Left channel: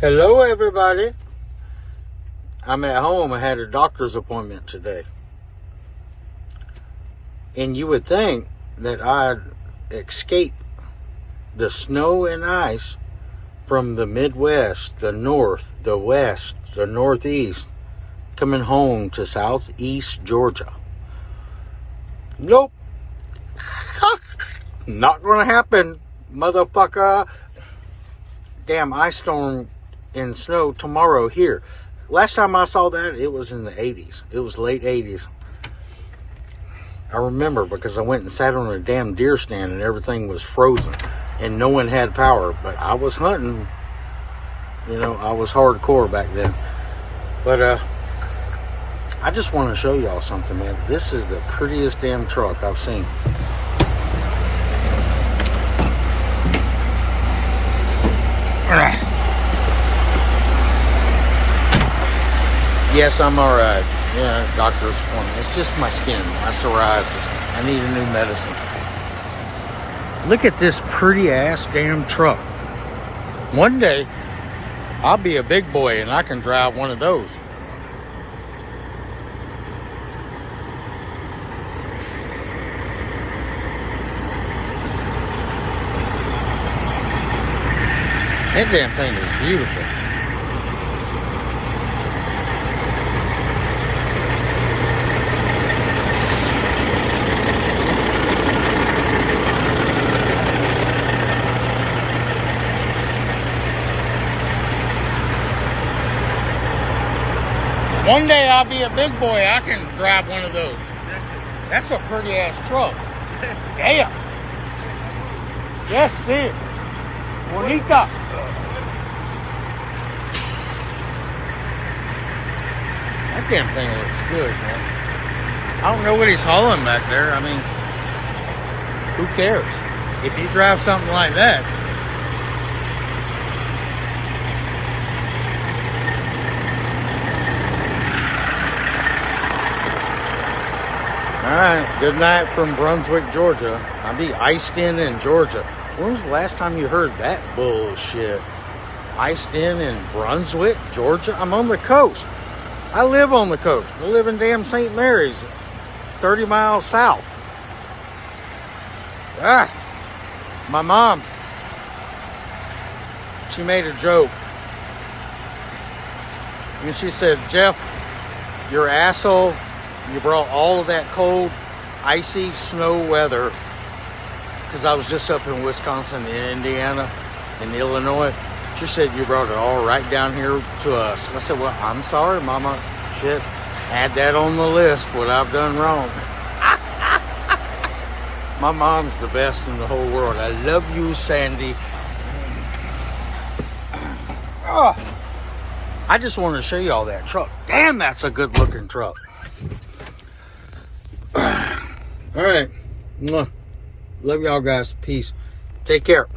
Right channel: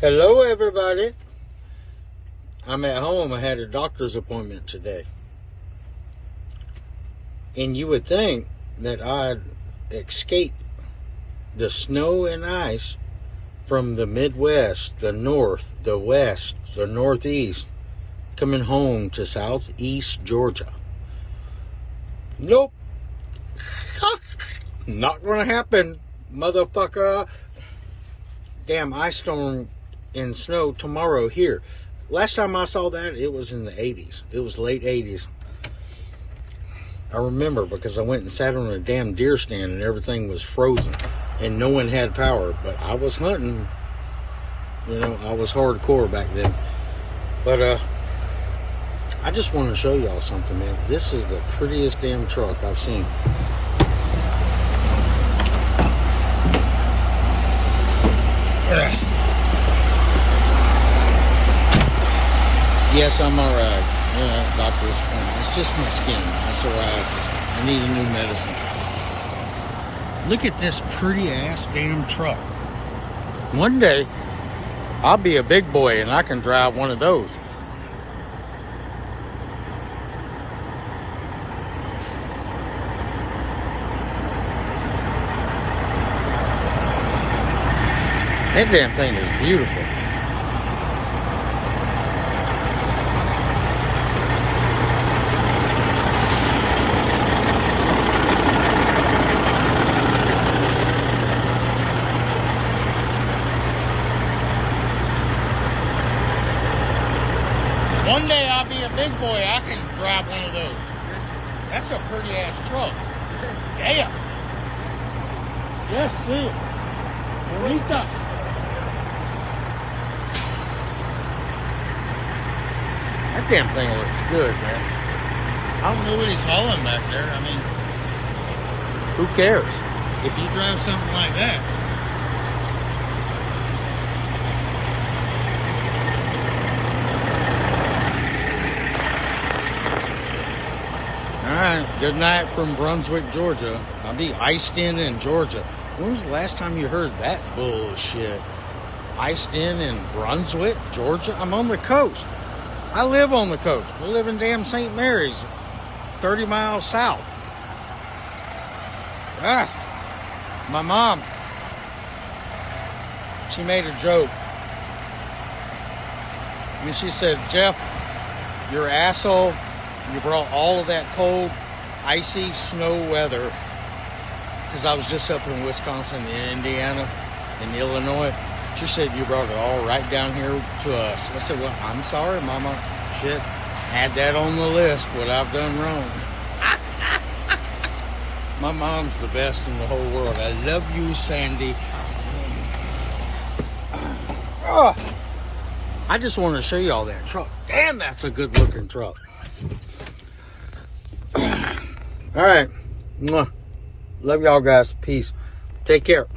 Hello everybody. I'm at home. I had a doctor's appointment today. And you would think that I'd escape the snow and ice from the Midwest, the North, the West, the Northeast, coming home to Southeast Georgia. Nope. Not gonna happen, motherfucker. Damn ice storm and snow tomorrow here. Last time I saw that, it was in the 80s. It was late 80s. I remember because I went and sat on a damn deer stand and everything was frozen and no one had power. But I was hunting. You know, I was hardcore back then. But I just want to show y'all something, man. This is the prettiest damn truck I've seen. Yes, I'm alright. Yeah, doctor's appointment. It's just my skin, my psoriasis. I need a new medicine. Look at this pretty ass damn truck. One day, I'll be a big boy and I can drive one of those. That damn thing is beautiful. One day I'll be a big boy, I can drive one of those. That's a pretty ass truck. Damn. Yes, sí. Bonita. That damn thing looks good, man. I don't know what he's hauling back there. I mean, who cares? If you drive something like that. Alright, good night from Brunswick, Georgia. I'll be iced in Georgia. When's the last time you heard that bullshit? Iced in Brunswick, Georgia? I'm on the coast. I live on the coast. I live in damn St. Mary's, 30 miles south. My mom, she made a joke. And she said, Jeff, your asshole, you brought all of that cold, icy snow weather, because I was just up in Wisconsin, in Indiana, in Illinois. She said, you brought it all right down here to us. I said, well, I'm sorry, Mama. Shit, add that on the list, what I've done wrong. My mom's the best in the whole world. I love you, Sandy. Oh, I just want to show you all that truck. Damn, that's a good looking truck. All right. Love y'all guys. Peace. Take care.